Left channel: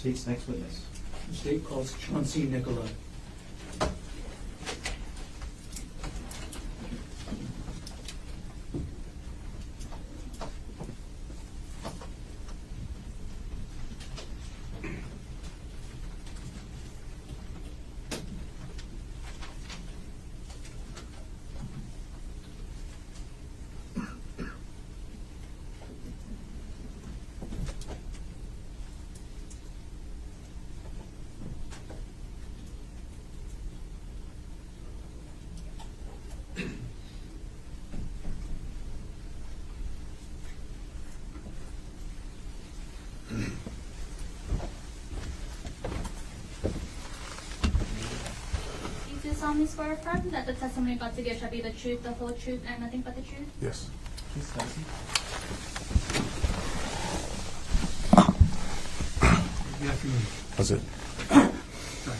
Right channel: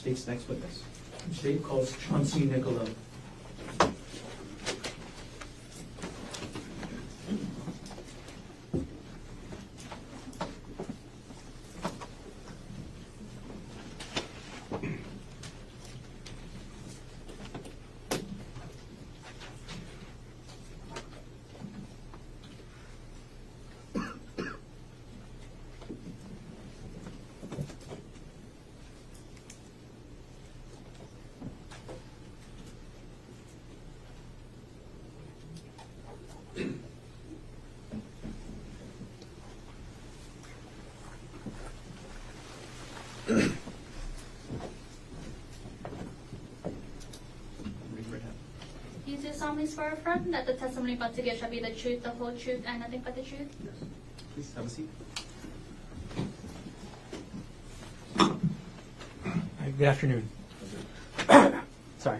State's next witness. The state calls Chanty Nicola. You swear affirm that the testimony about to give shall be the truth, the whole truth, and nothing but the truth? Yes. Please have a seat. Good afternoon. That's it. Sorry.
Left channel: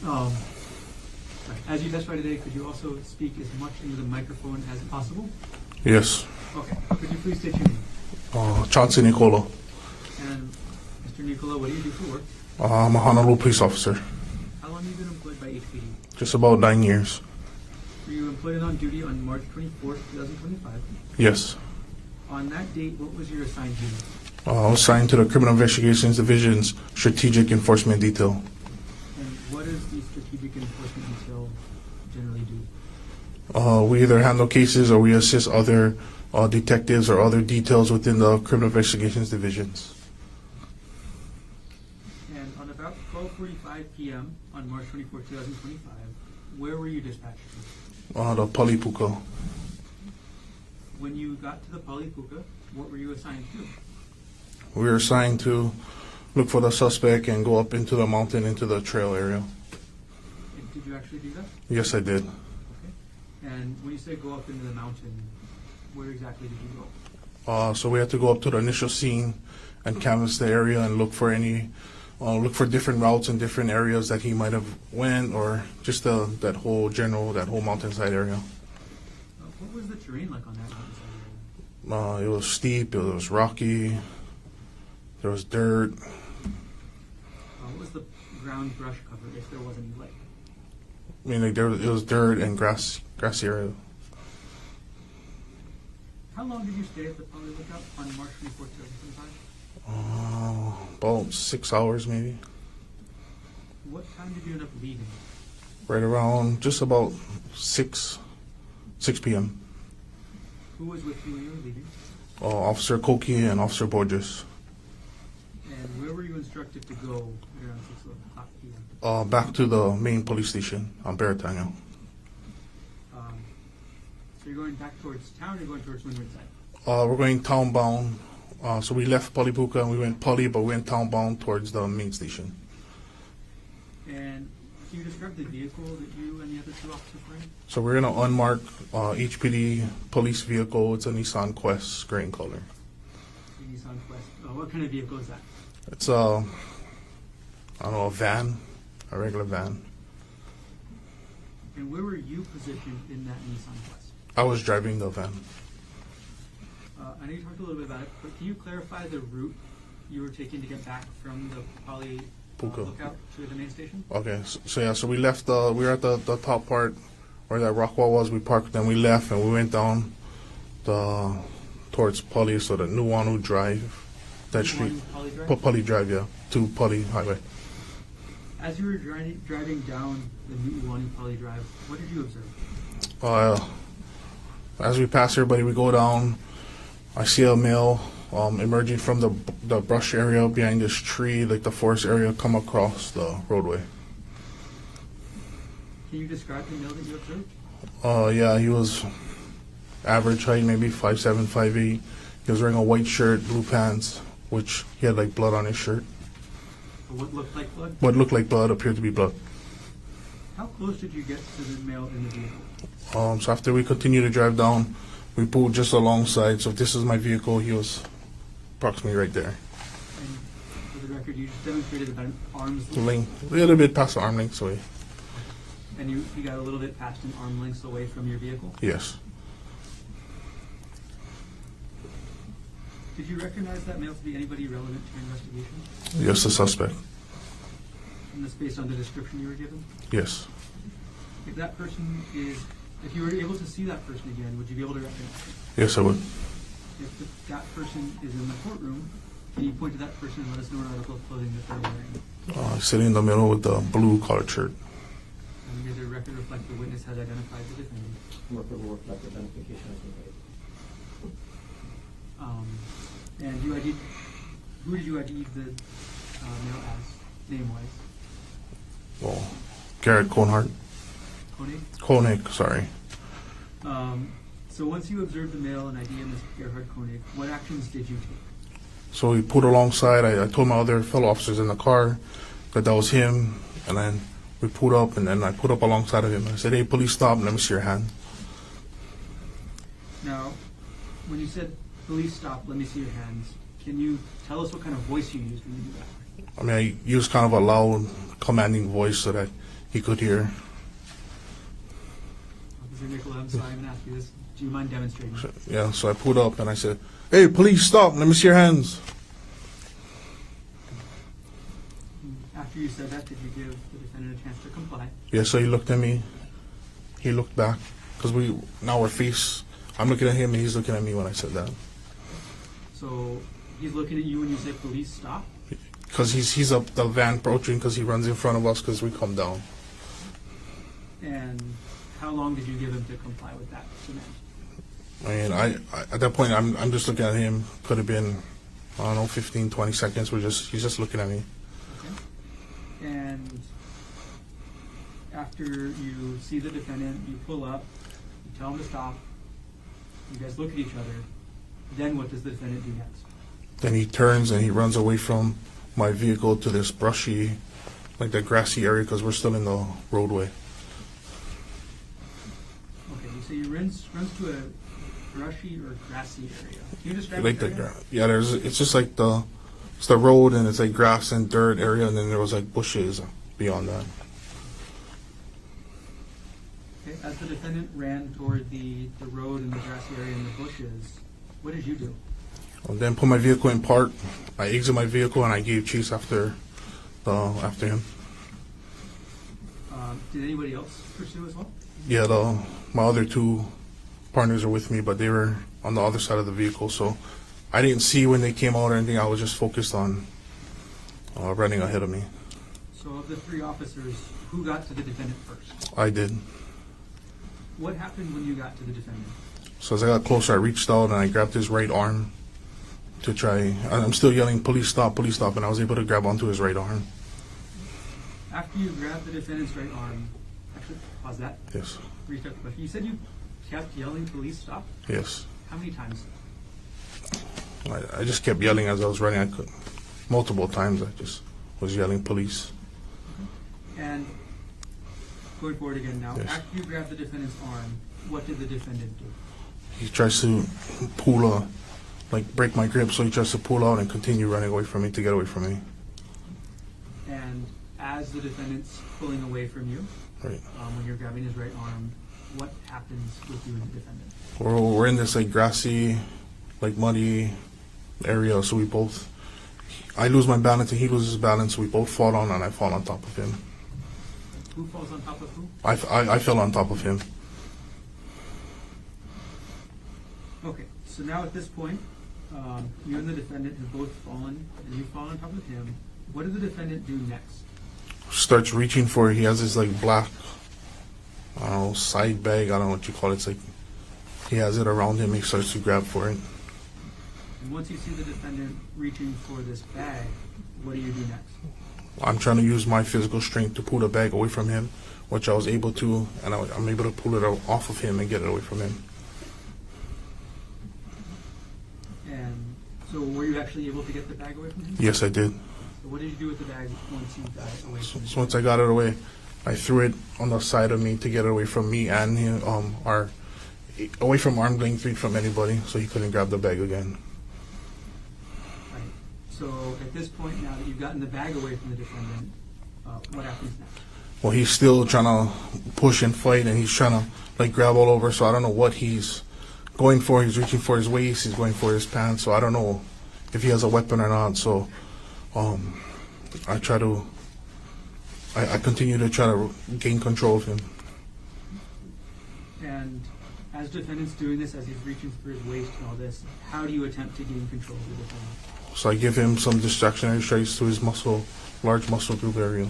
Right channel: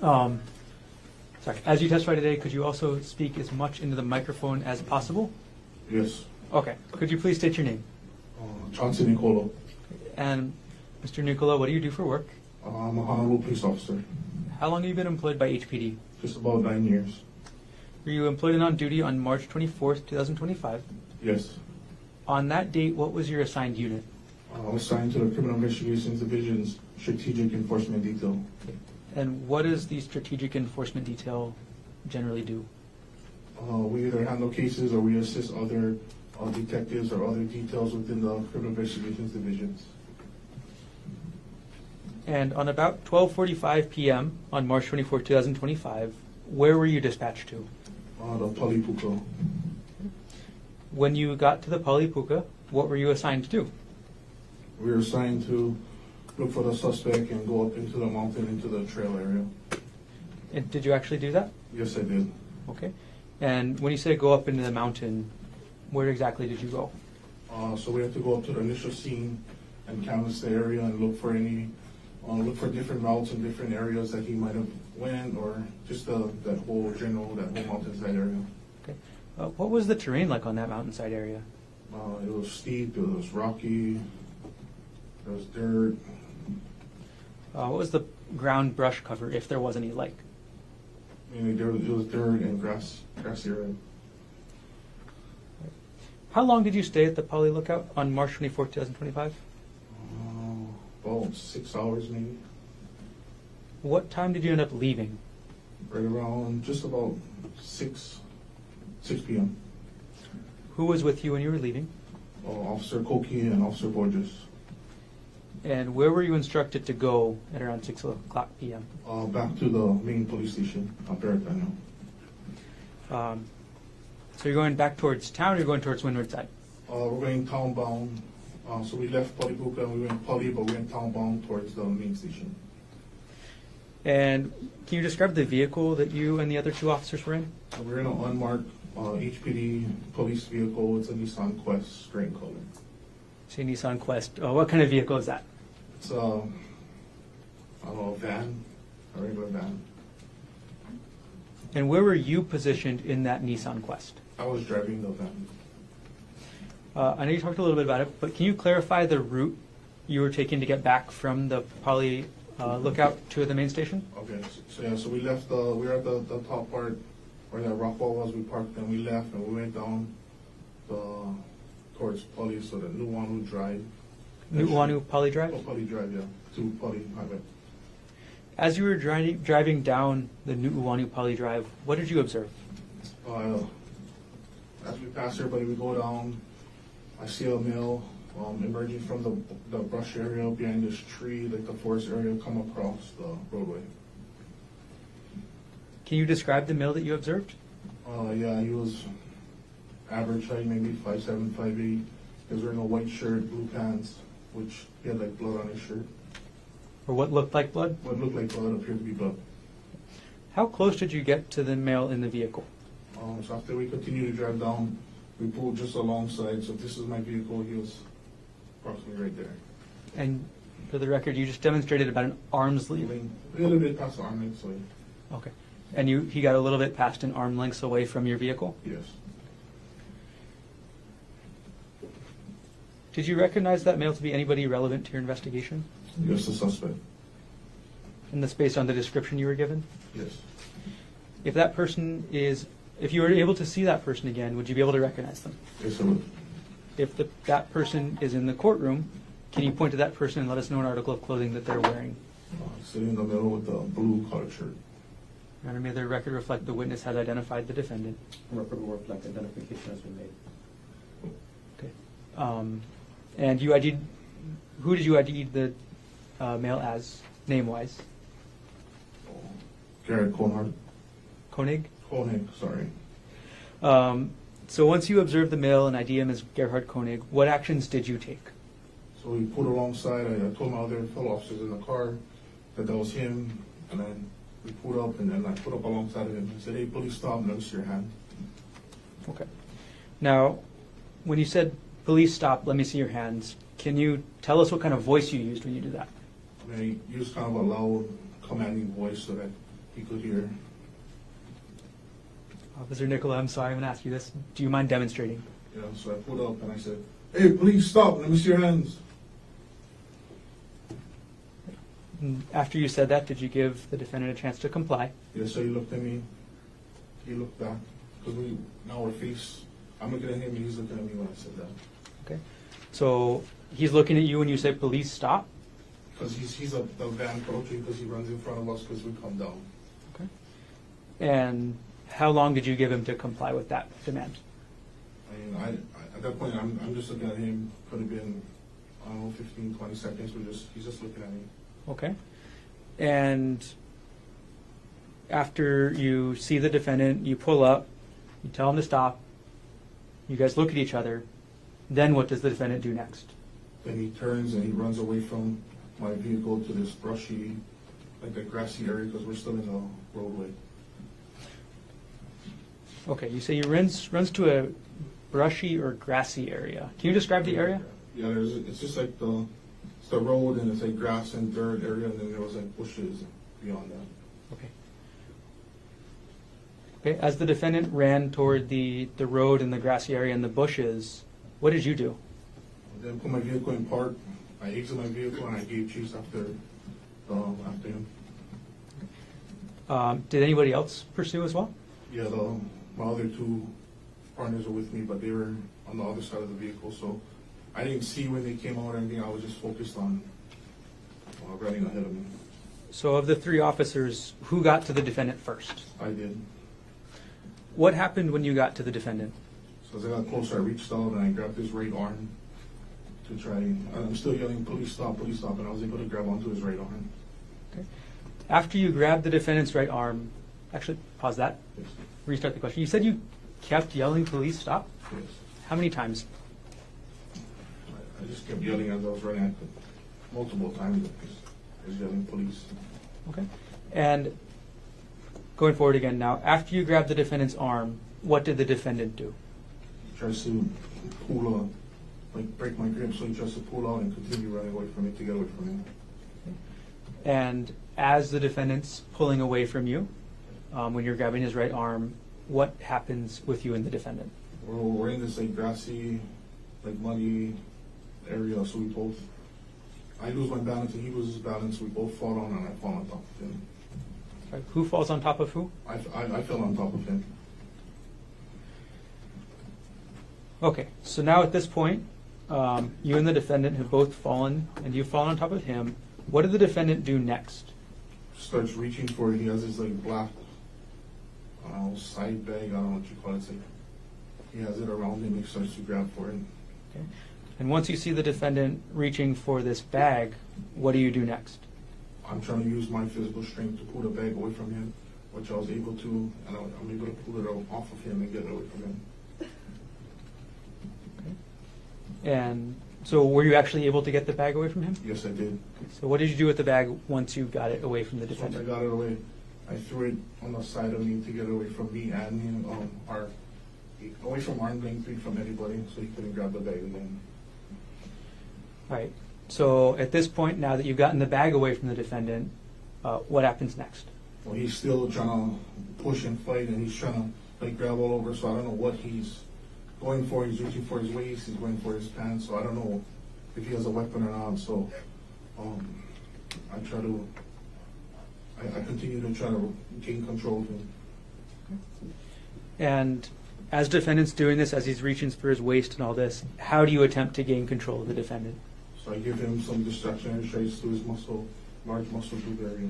Sorry. As you testify today, could you also speak as much into the microphone as possible? Yes. Okay. Could you please state your name? Chanty Nicola. And Mr. Nicola, what do you do for work? I'm a Honolulu police officer. How long have you been employed by HPD? Just about 9 years. Were you employed and on duty on March 24th, 2025? Yes. On that date, what was your assigned unit? I was assigned to the Criminal Investigations Division's Strategic Enforcement Detail. And what does the Strategic Enforcement Detail generally do? We either handle cases or we assist other detectives or other details within the Criminal Investigations Divisions. And on about 12:45 p.m. on March 24, 2025, where were you dispatched to? The Pali Puka. When you got to the Pali Puka, what were you assigned to do? We were assigned to look for the suspect and go up into the mountain, into the trail area. And did you actually do that? Yes, I did. Okay. And when you say go up into the mountain, where exactly did you go? So we had to go up to the initial scene and canvass the area and look for different routes and different areas that he might have went, or just that whole mountainside area. Okay. What was the terrain like on that mountainside area? It was steep, it was rocky, there was dirt. What was the ground brush cover, if there was any, like? I mean, it was dirt and grassy area. How long did you stay at the Pali Lookout on March 24, 2025? About 6 hours maybe. What time did you end up leaving? Right around just about 6 p.m. Who was with you when you were leaving? Officer Koki and Officer Borges. And where were you instructed to go at around 6 o'clock p.m.? Back to the main police station on Baratanga. So you're going back towards town, or you're going towards Windward side? We're going town bound. So we left Pali Puka and we went Pali, but we went town bound towards the main station. And can you describe the vehicle that you and the other two officers were in? So we're in an unmarked HPD police vehicle. It's a Nissan Quest, gray in color. So Nissan Quest. What kind of vehicle is that? It's I don't know, a regular van. And where were you positioned in that Nissan Quest? I was driving the van. I know you talked a little bit about it, but can you clarify the route you were taking to get back from the Pali Lookout to the main station? Okay, so we left we were at the top part where that rock wall was. We parked, then we left and we went down towards Pali, so the Nuuanu Drive. Nuuanu Pali Drive? Pali Drive, yeah, to Pali Highway. As you were driving down the Nuuanu Pali Drive, what did you observe? As we pass everybody, we go down. I see a male emerging from the brush area behind this tree, like the forest area, come across the roadway. Can you describe the male that you observed? Yeah, he was average height, maybe 5'7", 5'8". He was wearing a white shirt, blue pants, which he had like blood on his shirt. Or what looked like blood? What looked like blood appeared to be blood. How close did you get to the male in the vehicle? So after we continued to drive down, we pulled just alongside. So if this is my vehicle, he was approximately right there. And for the record, you just demonstrated about an arm's length. A little bit past the arm length away. Okay. And he got a little bit past an arm length away from your vehicle? Yes. Did you recognize that male to be anybody relevant to your investigation? Yes, the suspect. And that's based on the description you were given? Yes. If that person is, if you were able to see that person again, would you be able to recognize them? Yes, I would. If that person is in the courtroom, can you point to that person and let us know an article of clothing that they're wearing? Sitting in the middle with the blue collared shirt. And may the record reflect the witness has identified the defendant. Record will reflect identification as we made. And you ID'd, who did you ID the male as, name-wise? Well, Gerhardt Konig. Konig? Sorry. So once you observed the male and ID him as Gerhardt Konig, what actions did you take? So we pulled alongside. I told my other fellow officers in the car that was him, and then we pulled up, and then I put up alongside of him. I said, "Hey, police, stop! Let me see your hand." Okay. Now, when you said, "Police, stop! Let me see your hands," can you tell us what kind of voice you used when you do that? I mean, I used kind of a loud, commanding voice so that he could hear. Officer Nicola, I'm sorry, I'm going to ask you this. Do you mind demonstrating? Yeah, so I pulled up and I said, "Hey, police, stop! Let me see your hands." And after you said that, did you give the defendant a chance to comply? Yeah, so he looked at me. He looked back because we're face. I'm looking at him and he's looking at me when I said that. Okay. So he's looking at you when you say, "Police, stop"? Because he's up the van approaching because he runs in front of us because we come down. And how long did you give him to comply with that demand? I mean, I at that point I'm just looking at him. Could have been, I don't know, 15, 20 seconds. He's just looking at me. Okay. And after you see the defendant, you pull up, you tell him to stop, you guys look at each other, then what does the defendant do next? Then he turns and he runs away from my vehicle to this brushy, like the grassy area because we're still in the roadway. Okay, you say he runs to a brushy or grassy area. Can you describe Like the area? it's just like it's the road and it's like grass and dirt area and then there was like bushes beyond that. Okay, as the defendant ran toward the road and the grassy area and the bushes, what did you do? And then put my vehicle in park. I exited my vehicle and I gave chase after him. Did anybody else pursue as well? Yeah, my other two partners are with me, but they were on the other side of the vehicle, so I didn't see when they came out or anything. I was just focused on running ahead of me. So of the three officers, who got to the defendant first? I did. What happened when you got to the defendant? So as I got closer, I reached out and I grabbed his right arm to try. I'm still yelling, "Police, stop! Police, stop!" And I was able to grab onto his right arm. After you grabbed the defendant's right arm, actually, pause that. Yes. Restart the question. You said you kept yelling, "Police, stop"? Yes. How many times? I just kept yelling as I was running. I could multiple times. I just was yelling, "Police." Okay. And going forward again now, Yes. after you grabbed the defendant's arm, what did the defendant do? He tries to pull break my grip, so he tries to pull out and continue running away from me to get away from me. And as the defendant's pulling away from you, Right. when you're grabbing his right arm, what happens with you and the defendant? We're in this like grassy, like muddy area, so I lose my balance and he loses balance. We both fall down and I fall on top of him. Right. Who falls on top of who? I fell on top of him. Okay, so now at this point, you and the defendant have both fallen, and you've fallen on top of him. What did the defendant do next? Starts reaching for, he has this like black, I don't know, side bag, I don't know what you call it. It's like, he has it around him, he starts to grab for it. And once you see the defendant reaching for this bag, what do you do next? I'm trying to use my physical strength to pull the bag away from him, which I was able to, and I'm able to pull it off of him and get it away from him. And so were you actually able to get the bag away from him? Yes, I did. So what did you do with the bag once you got it away from the So defendant? once I got it away, I threw it on the side of me to get it away from me and him, away from arm's length reach from anybody, so he couldn't grab the bag again. Right. So at this point, now that you've gotten the bag away from the defendant, what happens next? Well, he's still trying to push and fight, and he's trying to like grab all over. So I don't know what he's he's reaching for his waist, he's going for his pants, so I don't know if he has a weapon or not, so I continue to try to gain control of him. And as defendant's doing this, as he's reaching for his waist and all this, how do you attempt to gain control of the defendant? So I give him some distractionary strikes to his large muscle group area.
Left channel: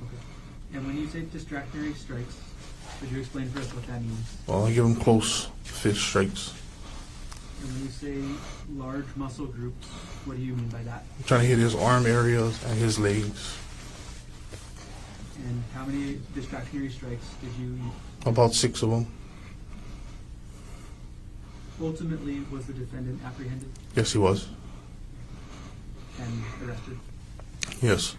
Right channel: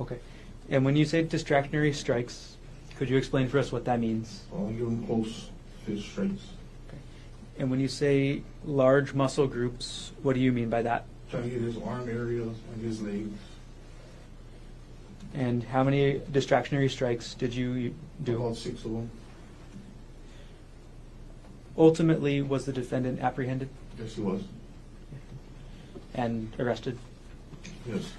Okay. And when you say distractionary strikes, could you explain for us what that means? I give him close fist strikes. And when you say large muscle groups, what do you mean by that? I'm trying to hit his arm areas and his legs. And how many distractionary strikes did you do? About 6 of them. Ultimately, was the defendant apprehended Yes, he was. and arrested? Yes.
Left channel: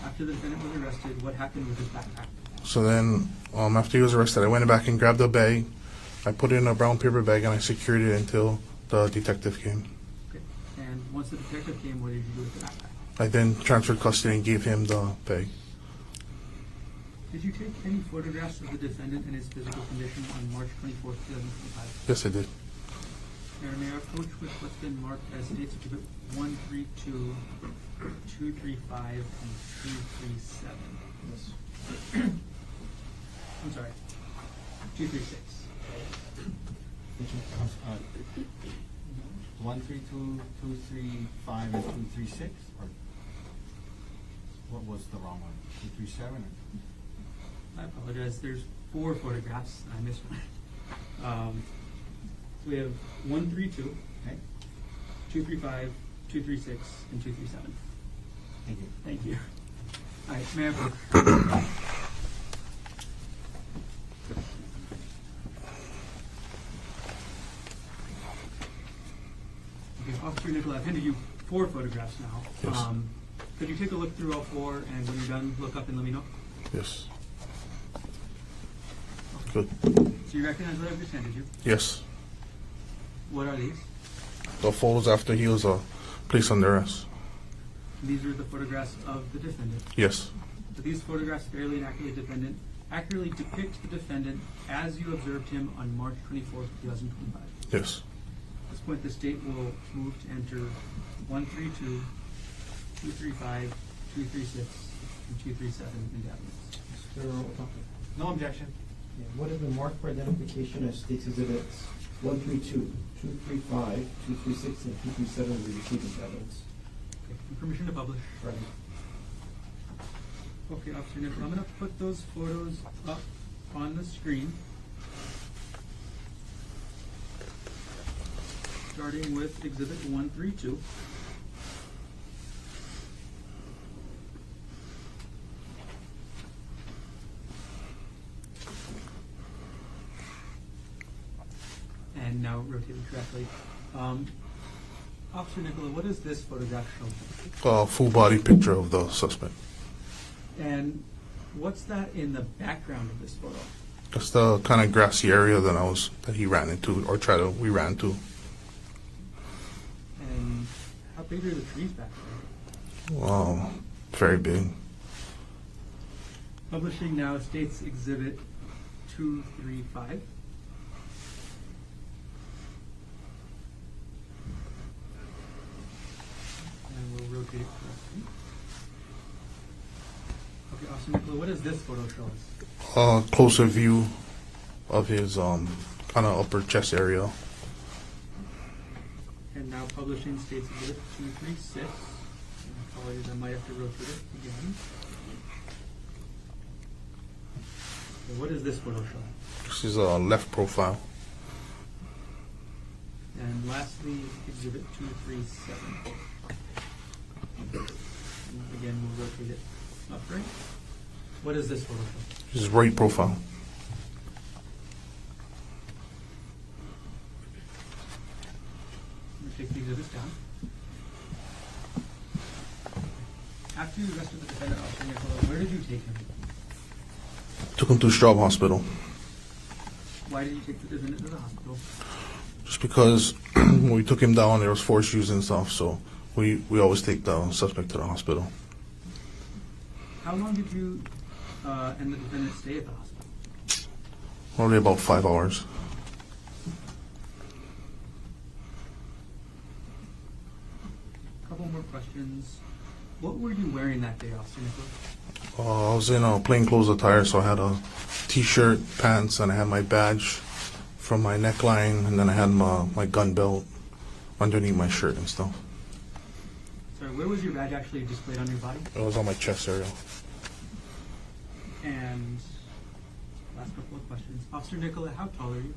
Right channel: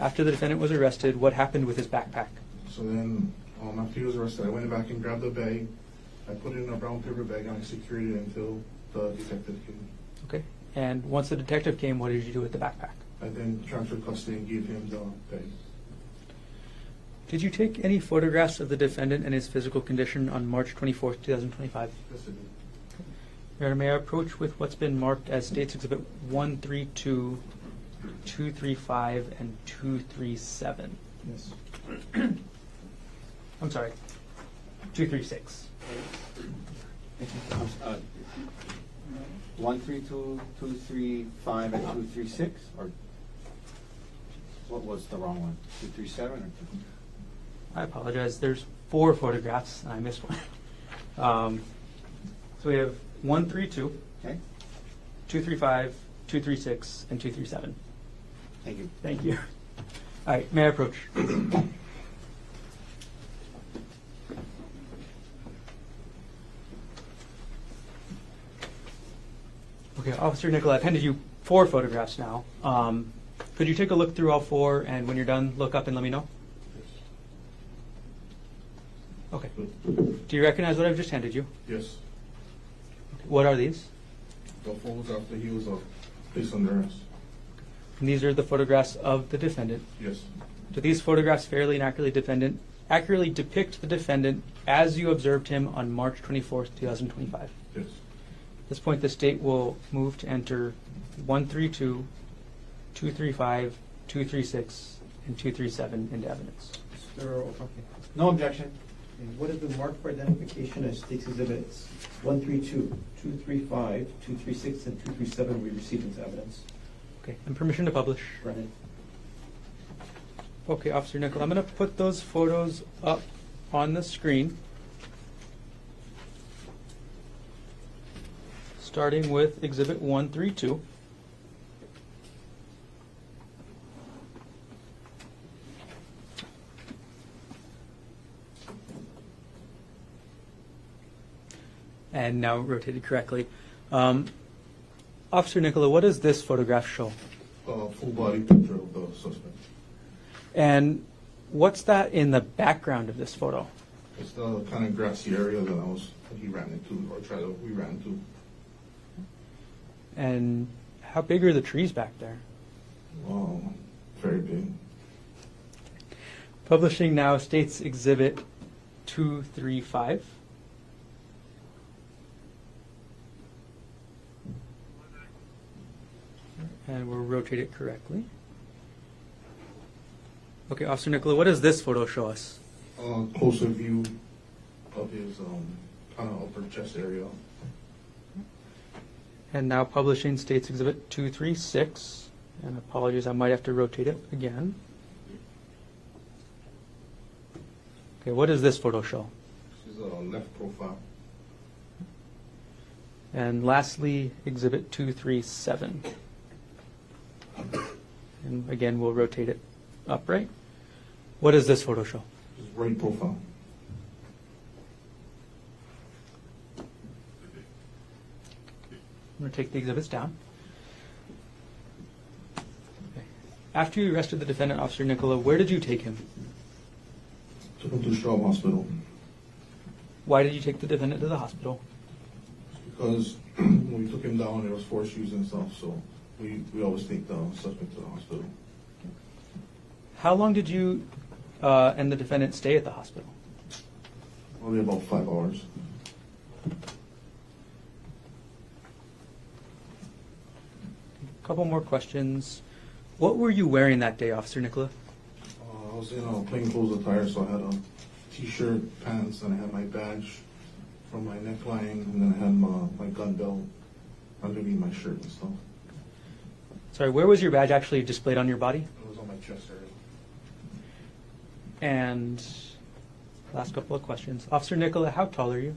After the defendant was arrested, what happened with his backpack? So then, after he was arrested, I went back and grabbed a bag. I put it in a brown paper bag and I secured it until the detective came. Okay. And once the detective came, what did you do with the backpack? I then transferred custody and gave him the bag. Did you take any photographs of the defendant and his physical condition on March 24th, 2025? Yes, I did. Your Honor, may I approach with what's been marked as States Exhibit 132, 235, and 237? Yes. I'm sorry, 236. 132, 235, and 236, or what was the wrong one? 237 or I apologize. There's 4 photographs, and I missed one. So we have 132, okay? 235, 236, and 237. Thank you. Thank you. All right, may I approach? Okay, Officer Nicola, I've handed you 4 photographs now. Yes. Could you take a look through all 4, and when you're done, look up and let me know? Yes. Okay. Good. Do you recognize what I've just handed you? Yes. What are these? The photos after he was placed under arrest. And these are the photographs of the defendant. Yes. Do these photographs fairly and accurately depict the defendant as you observed him on March 24th, 2025? Yes. At this point, the state will move to enter 132, 235, 236, and 237 into evidence. Mr. Otake. No objection. And what has been marked for identification as State's Exhibits 132, 235, 236, and 237 we received as evidence? Okay, and permission to publish. Right. Okay, Officer Nicola, I'm going to put those photos up on the screen. Starting with Exhibit 132. And now rotated correctly. Officer Nicola, what does this photograph show? Full body picture of the suspect. And what's that in the background of this photo? Just the kind of grassy area that he ran into, or we ran to. And how big are the trees back there? Very big. Publishing now States Exhibit 235. And we'll rotate it correctly. Okay, Officer Nicola, what does this photo show us? Closer view of his kind of upper chest area. And now publishing States Exhibit 236. And apologies, I might have to rotate it again. Okay, what does this photo show? This is a left profile. And lastly, Exhibit 237. And again, we'll rotate it upright. What does this photo show? This is right profile. I'm going to take the exhibits down. After you arrested the defendant, Officer Nicola, where did you take him? Took him to Straub Hospital. Why did you take the defendant to the hospital? Just because when we took him down, there was force used and stuff, so we always take the suspect to the hospital. How long did you and the defendant stay at the hospital? Only about 5 hours. couple more questions. What were you wearing that day, Officer Nicola? I was in a plainclothes attire, so I had a t-shirt, pants, and I had my badge from my neckline, and then I had my gun belt underneath my shirt and stuff. Sorry, where was your badge actually displayed on your body? It was on my chest area. And last couple of questions. Officer Nicola, how tall are you?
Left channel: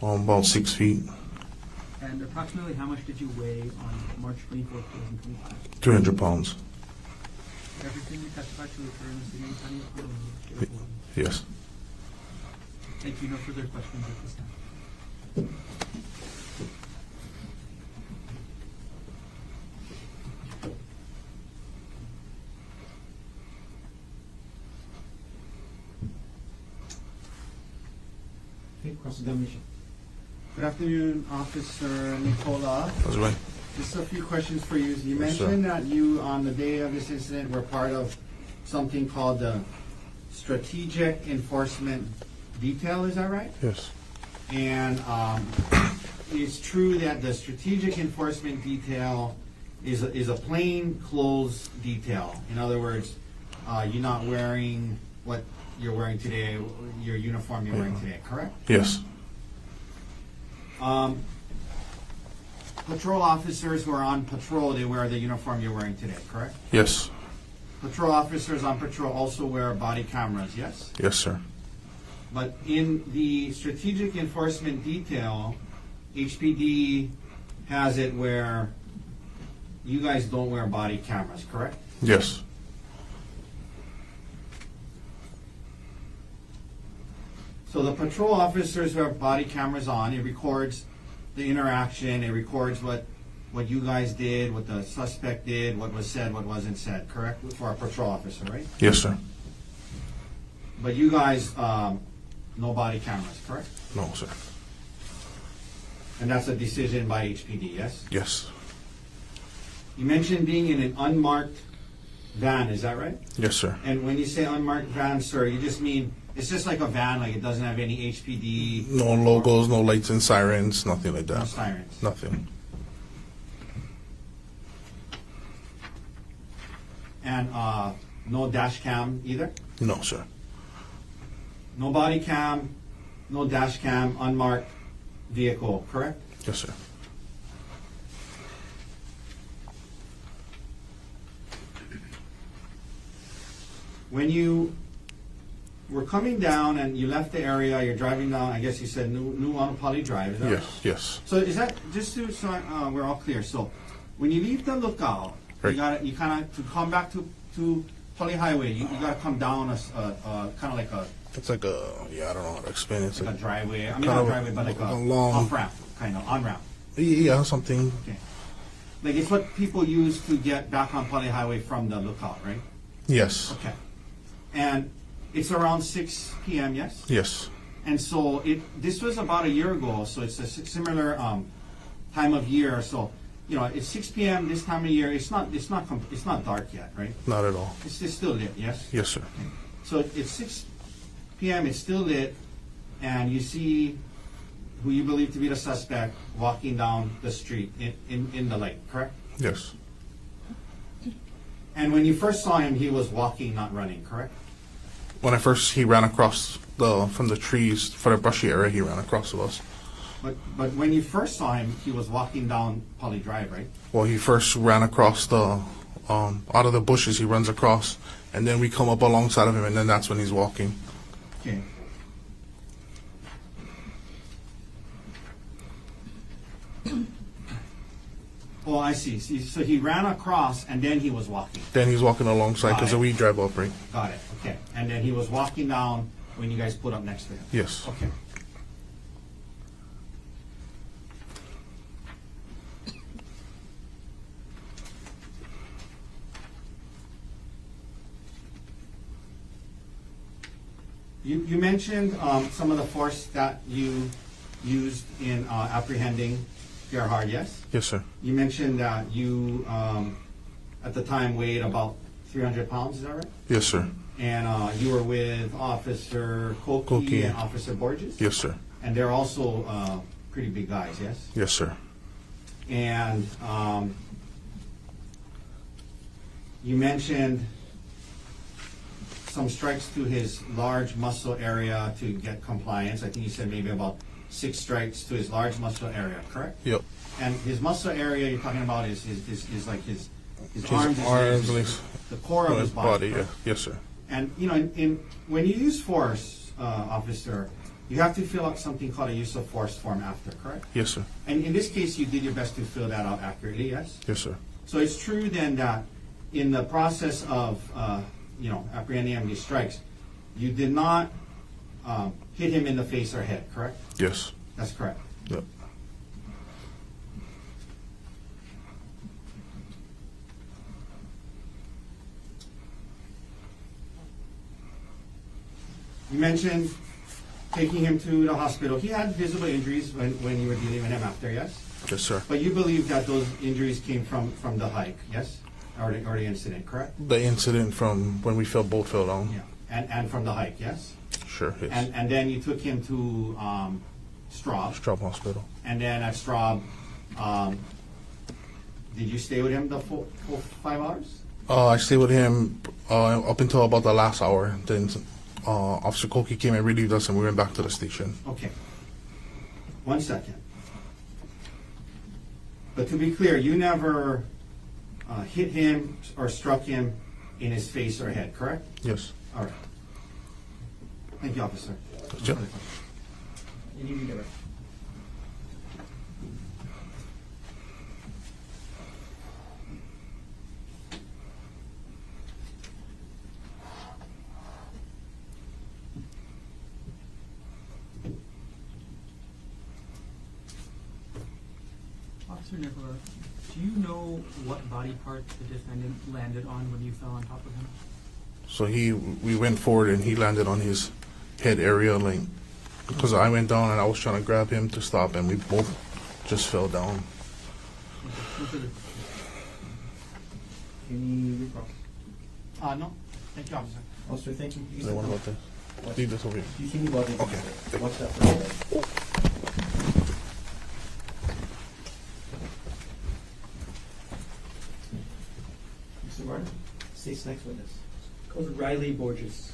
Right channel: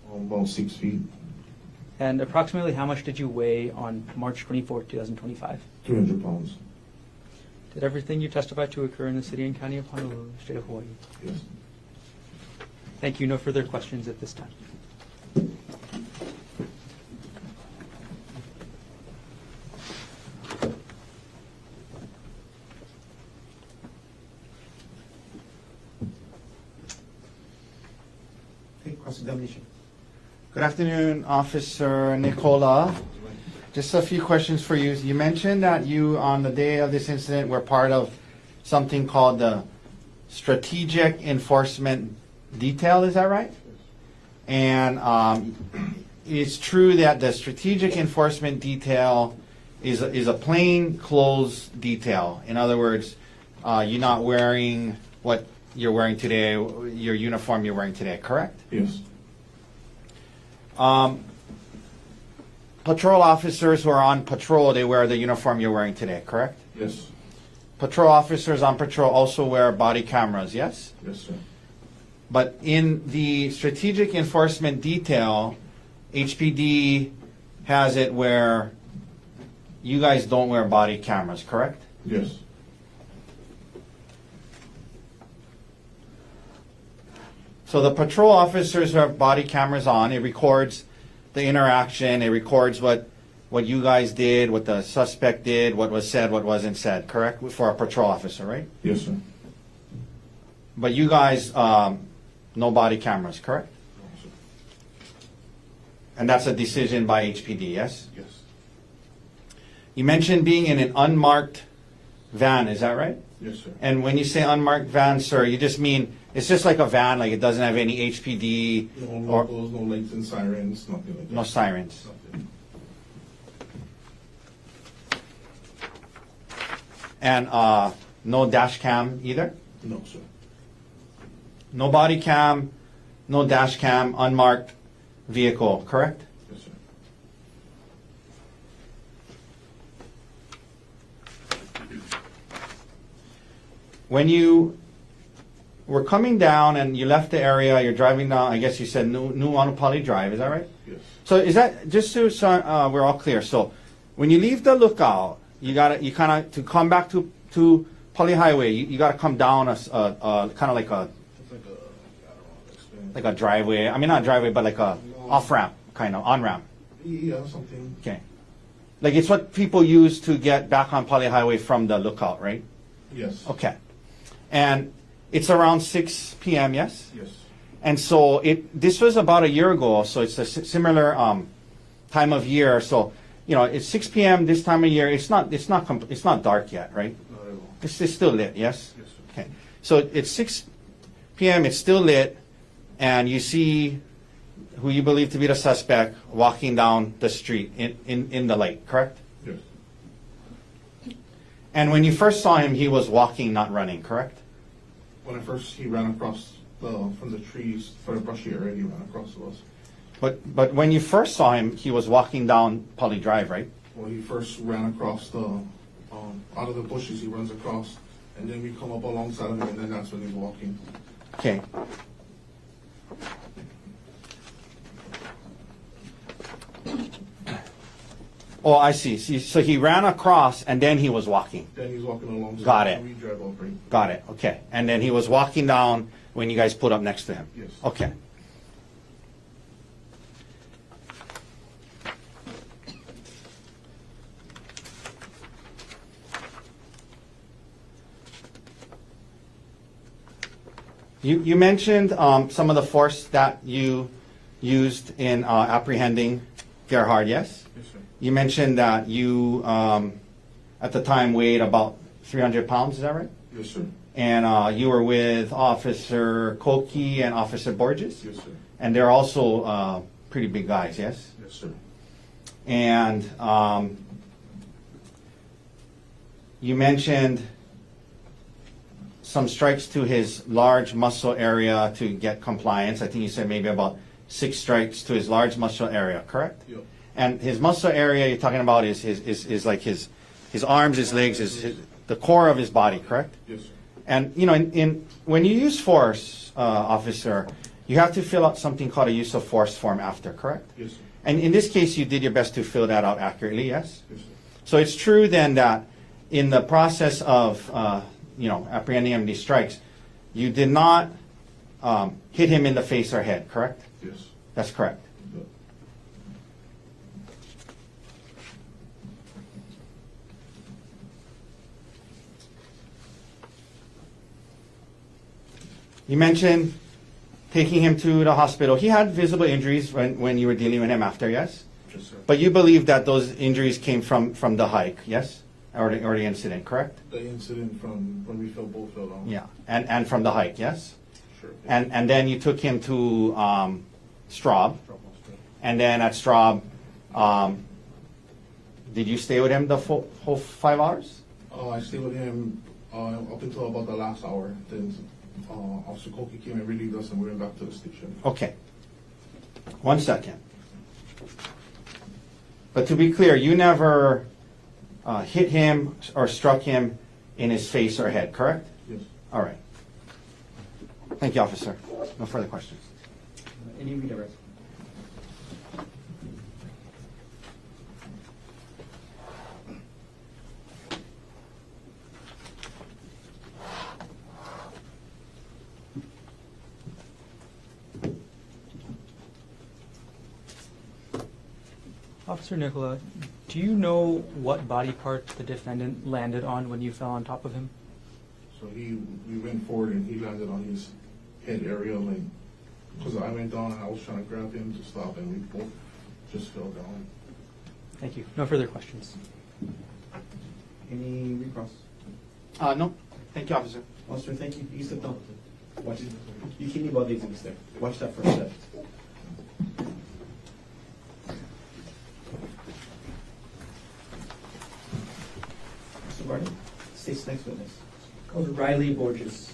About 6 feet, And approximately how much did you weigh on March 24th, 2025? 300 pounds. Did everything you testified to occur in the city and county of Honolulu, state of Hawaii? Yes. Thank you. No further questions at this time. Okay, cross-examination. Good afternoon, Officer Nicola. That's right. Just a few questions for you. You mentioned that you, on the day of this incident, were part of something called the Strategic Enforcement Detail, is that right? Yes. And it's true that the Strategic Enforcement Detail is a plain clothes detail. In other words, you're not wearing what you're wearing today, your uniform you're wearing today, correct? Yes. Patrol officers who are on patrol, they wear the uniform you're wearing today, correct? Yes. Patrol officers on patrol also wear body cameras, yes? Yes, sir. But in the strategic enforcement detail, HPD has it where you guys don't wear body cameras, correct? Yes. So the patrol officers who have body cameras on, it records the interaction, it records what you guys did, what the suspect did, what was said, what wasn't said, correct? For a patrol officer, right? Yes, sir. But you guys, no body cameras, correct? No, sir. And that's a decision by HPD, yes? Yes. You mentioned being in an unmarked van, is that right? Yes, sir. And when you say unmarked van, sir, you just mean it's just like a van, like it doesn't have any HPD, No logos, no lights and sirens, nothing like that. no sirens. Nothing. And no dash cam either? No, sir. No body cam, no dash cam, unmarked vehicle, correct? Yes, sir. When you were coming down and you left the area, you're driving down, I guess you said Nuuanu Pali Drive, is that right? Yes. So is that, just so we're all clear, so when you leave the lookout, you Right. you kind of, to come back to Pali Highway, you gotta come down kind of like a, It's like a, I don't know how to explain it. It's like a driveway, I mean not driveway, but like a long- off-ramp, kind of, on-ramp, Yeah, something. okay. Like it's what people use to get back on Pali Highway from the lookout, right? Yes. Okay. And it's around 6 p.m., yes? Yes. And so this was about a year ago, so it's a similar time of year. So, you know, it's 6 p.m. this time of year. It's not dark yet, right? Not at all. It's still lit, yes? Yes, sir. Okay. So it's 6 p.m. It's still lit, and you see who you believe to be the suspect walking down the street in the light, correct? Yes. And when you first saw him, he was walking, not running, correct? When he ran across from the trees for the brushy area, he ran across to us. But when you first saw him, he was walking down Pali Drive, right? Well, he first ran across out of the bushes, he runs across, and then we come up alongside of him, and then that's when he's walking. Okay. Oh, I see. So he ran across and then he was walking. Then he's walking alongside, Got because it. we drive up, right? Got it. Okay. And then he was walking down when you guys put up next to him. Yes. Okay. You mentioned some of the force that you used in apprehending Gerhardt, yes? Yes, sir. You mentioned that you, at the time, weighed about 300 pounds, is that right? Yes, sir. And you were with Officer Koki Koki. and Officer Borges? Yes, sir. And they're also pretty big guys, yes? Yes, sir. And You mentioned some strikes to his large muscle area to get compliance. I think you said maybe about 6 strikes to his large muscle area, correct? Yep. And his muscle area you're talking about is like his arms, his legs, legs. the core of his Yeah, body, correct? Yes, sir. And you know, when you use force, officer, you have to fill out something called a use of force form after, correct? Yes, sir. And in this case, you did your best to fill that out accurately, yes? Yes, sir. So it's true then that in the process of apprehending him these strikes, you did not hit him in the face or head, correct? Yes. That's correct. Yep. You mentioned taking him to the hospital. He had visible injuries when you were dealing with him after, yes? Yes, sir. But you believe that those injuries came from the hike, yes? Or the incident, correct? The incident from when we both fell down. Yeah. And from the hike, yes? Sure. Yes. And then you took him to Straub. Straub Hospital. And then at Straub, did you stay with him the full 5 hours? I stayed with him up until about the last hour. Then Officer Koki came and relieved us, and we went back to the station. Okay. 1 second. But to be clear, you never hit him or struck him in his face or head, correct? Yes. All right. Thank you, officer. No Sure. further questions. Any redirect? Officer Nicola, do you know what body part the defendant landed on when you fell on top of him? So we went forward, and he landed on his head area, like, because I went down and I was trying to grab him to stop, and we both just fell down. Thank you. No further questions. Any recross? No. Thank you, officer. Officer, thank you. You Is there sit one down. about that? Leave this over here. You can leave all the One step further. Mr. Martin, state's next witness. Called Riley Borges.